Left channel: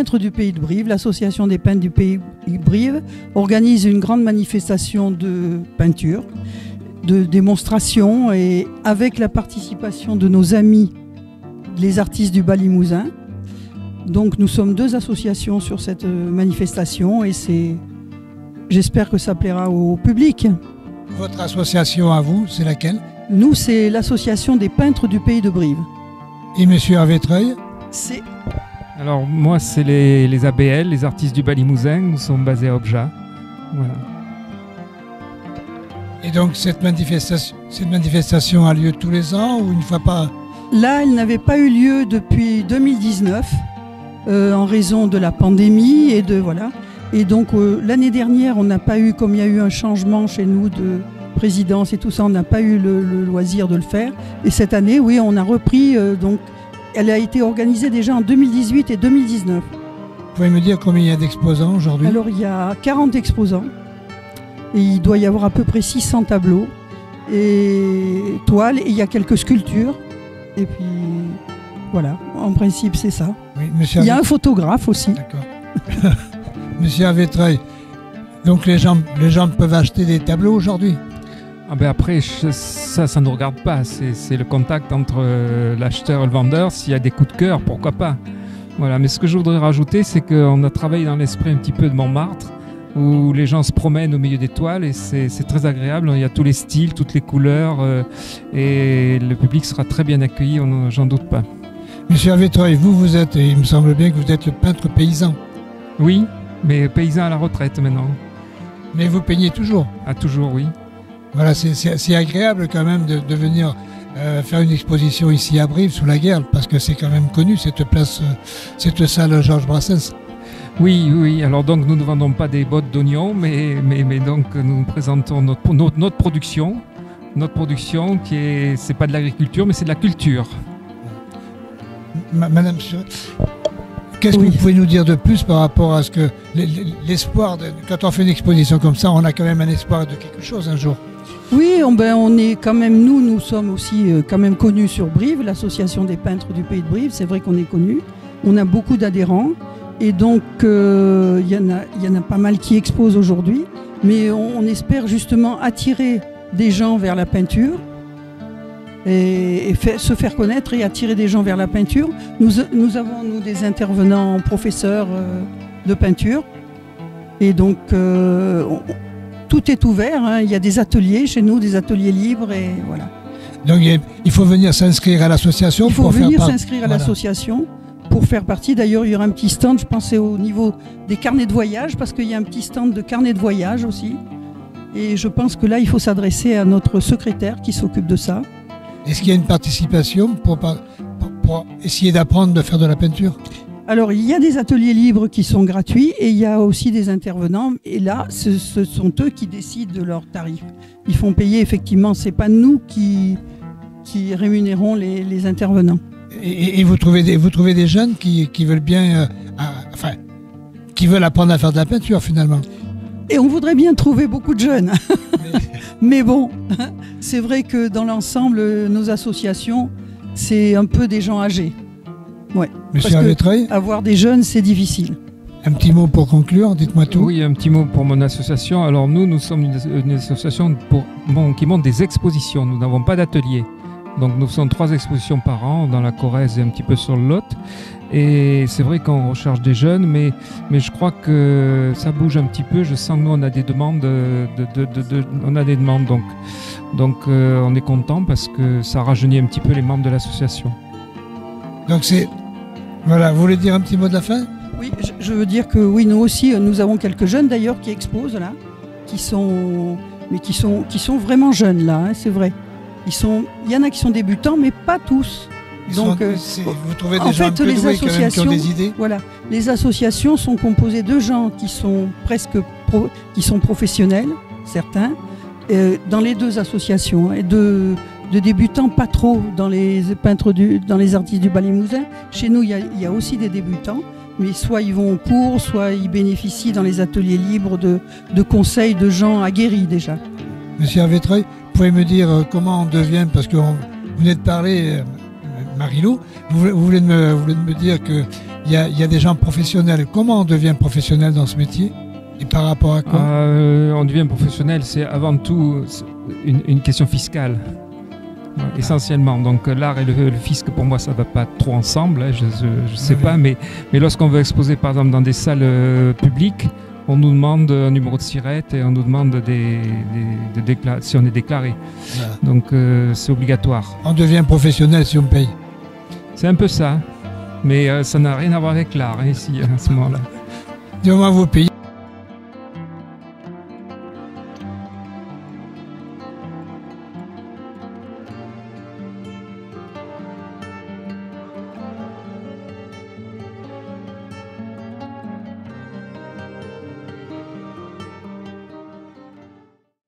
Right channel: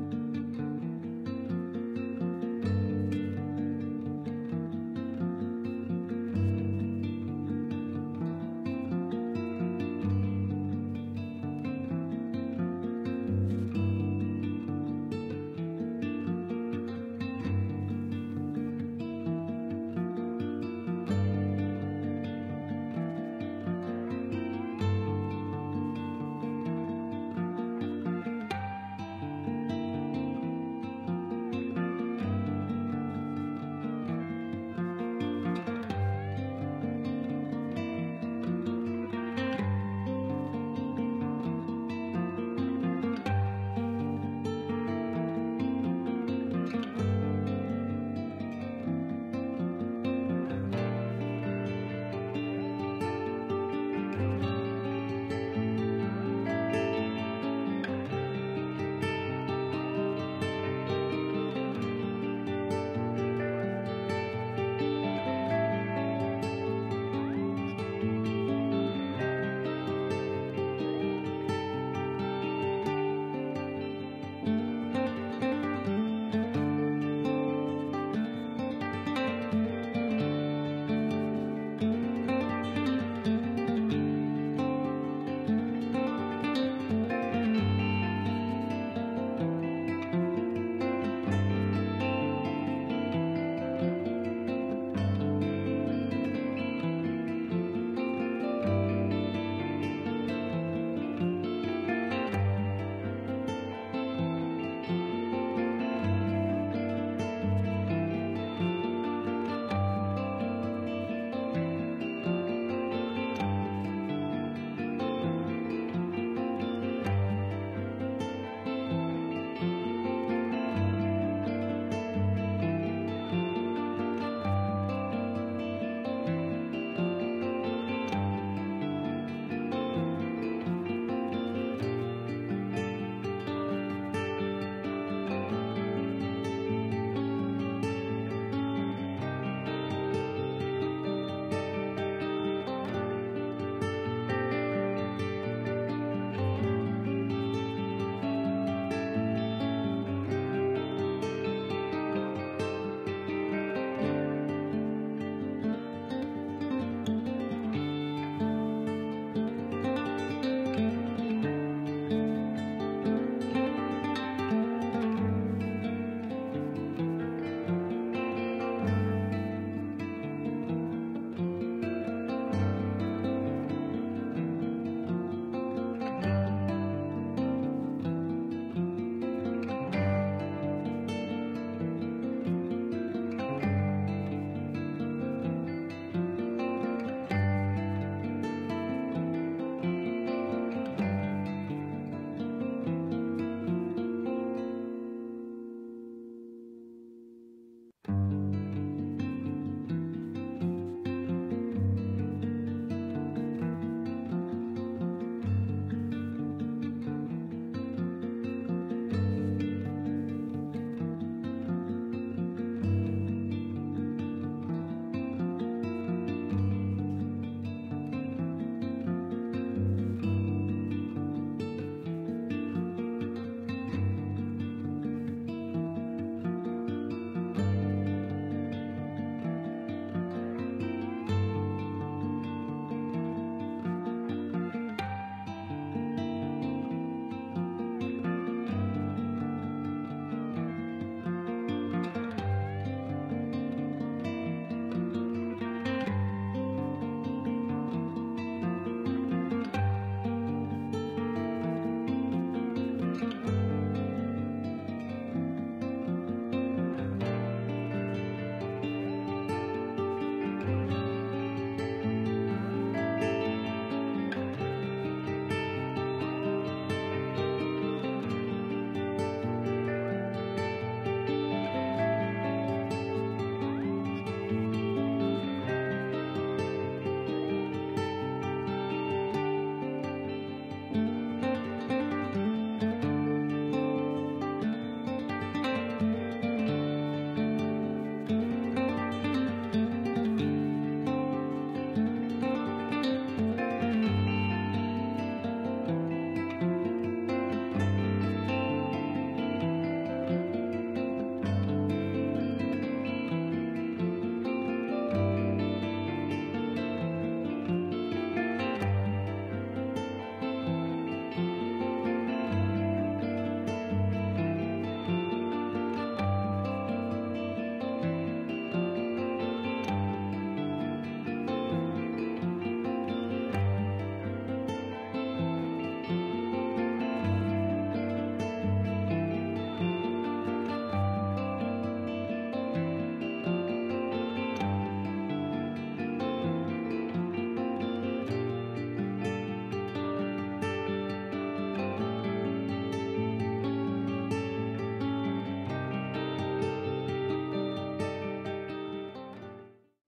peintres du Pays de Brive, l'association des peintres du Pays de Brive, organise une grande manifestation de peinture, de démonstration, et avec la participation de nos amis, les artistes du Bas-Limousin. Donc nous sommes 2 associations sur cette manifestation et j'espère que ça plaira au public. Votre association à vous, c'est laquelle? Nous, c'est l'association des peintres du Pays de Brive. Et monsieur Hervé-Treuil? Alors moi, c'est les ABL, les artistes du Bas-Limousin. Nous sommes basés à Obja. Voilà. Et donc cette manifestation a lieu tous les ans ou une fois par... Là, elle n'avait pas eu lieu depuis 2019 en raison de la pandémie et de voilà. Et donc l'année dernière, on n'a pas eu, comme il y a eu un changement chez nous de présidence et tout ça, on n'a pas eu le loisir de le faire. Et cette année, oui, on a repris. Donc, elle a été organisée déjà en 2018 et 2019. Vous pouvez me dire combien il y a d'exposants aujourd'hui? Alors, il y a 40 exposants. Et il doit y avoir à peu près 600 tableaux et toiles. Et il y a quelques sculptures. Et puis, voilà, en principe, c'est ça. Oui, il y a un photographe aussi. D'accord. Monsieur Hervé-Treuil, donc les gens peuvent acheter des tableaux aujourd'hui? Ah ben après, ça ne nous regarde pas. C'est le contact entre l'acheteur et le vendeur. S'il y a des coups de cœur, pourquoi pas. Voilà. Mais ce que je voudrais rajouter, c'est qu'on a travaillé dans l'esprit un petit peu de Montmartre, où les gens se promènent au milieu des toiles et c'est très agréable. Il y a tous les styles, toutes les couleurs et le public sera très bien accueilli, j'en doute pas. Monsieur Hervé-Treuil, vous êtes, et il me semble bien que vous êtes le peintre paysan. Oui, mais paysan à la retraite maintenant. Mais vous peignez toujours? Ah, toujours, oui. Voilà, c'est agréable quand même de venir faire une exposition ici à Brive sous la guerre, parce que c'est quand même connu cette place, cette salle Georges Brassens. Oui. Alors donc nous ne vendons pas des bottes d'oignons, mais donc nous présentons notre production. Notre production c'est pas de l'agriculture, mais c'est de la culture. Madame, qu'est-ce que vous pouvez nous dire de plus par rapport à ce que l'espoir, quand on fait une exposition comme ça, on a quand même un espoir de quelque chose un jour? Oui, on est quand même, nous sommes aussi quand même connus sur Brive, l'association des peintres du Pays de Brive, c'est vrai qu'on est connus. On a beaucoup d'adhérents et donc il y en a pas mal qui exposent aujourd'hui, mais on espère justement attirer des gens vers la peinture et se faire connaître et attirer des gens vers la peinture. Nous avons des intervenants professeurs de peinture et donc tout est ouvert, hein. Il y a des ateliers chez nous, des ateliers libres et voilà. Donc il faut venir s'inscrire à l'association. Il faut venir s'inscrire à l'association pour faire partie. D'ailleurs, il y aura un petit stand, je pensais au niveau des carnets de voyage, parce qu'il y a un petit stand de carnets de voyage aussi. Et je pense que là, il faut s'adresser à notre secrétaire qui s'occupe de ça. Est-ce qu'il y a une participation pour essayer d'apprendre de faire de la peinture? Alors, il y a des ateliers libres qui sont gratuits et il y a aussi des intervenants. Et là, ce sont eux qui décident de leurs tarifs. Ils font payer, effectivement, ce n'est pas nous qui rémunérons les intervenants. Et vous trouvez des jeunes qui veulent bien, qui veulent apprendre à faire de la peinture finalement? Et on voudrait bien trouver beaucoup de jeunes. Mais bon, c'est vrai que dans l'ensemble, nos associations, c'est un peu des gens âgés. Ouais. Monsieur Hervé-Treuil, avoir des jeunes, c'est difficile. Un petit mot pour conclure, dites-moi tout. Oui, un petit mot pour mon association. Alors nous sommes une association qui monte des expositions. Nous n'avons pas d'atelier. Donc nous faisons 3 expositions par an dans la Corrèze et un petit peu sur le Lot. Et c'est vrai qu'on recherche des jeunes, mais je crois que ça bouge un petit peu. Je sens que nous on a des demandes, donc on est content parce que ça rajeunit un petit peu les membres de l'association. Donc voilà, vous voulez dire un petit mot de la fin? Oui, je veux dire que oui, nous aussi, nous avons quelques jeunes d'ailleurs qui exposent là, qui sont vraiment jeunes là, hein, c'est vrai. Il y en a qui sont débutants, mais pas tous. Donc, vous trouvez des en gens fait, les associations, qui ont des idées? Voilà, les associations sont composées de gens qui sont qui sont professionnels, certains, dans les 2 associations, et de débutants pas trop dans les peintres dans les artistes du Bas-Limousin. Chez nous, il y a aussi des débutants, mais soit ils vont au cours, soit ils bénéficient dans les ateliers libres de conseils de gens aguerris déjà. Monsieur Hervé-Treuil, vous pouvez me dire comment on devient, parce que vous venez de parler, Marie-Lou, vous venez de me dire que il y a des gens professionnels. Comment on devient professionnel dans ce métier? Et par rapport à quoi? On devient professionnel, c'est avant tout une question fiscale, essentiellement. Donc l'art et le fisc, pour moi, ça ne va pas trop ensemble, hein, je ne sais pas, mais lorsqu'on veut exposer, par exemple, dans des salles publiques, on nous demande un numéro de SIRET et on nous demande si on est déclaré. Voilà. Donc c'est obligatoire. On devient professionnel si on paye. C'est un peu ça, mais ça n'a rien à voir avec l'art, hein, ici, à ce moment-là. Du moment où vous payez,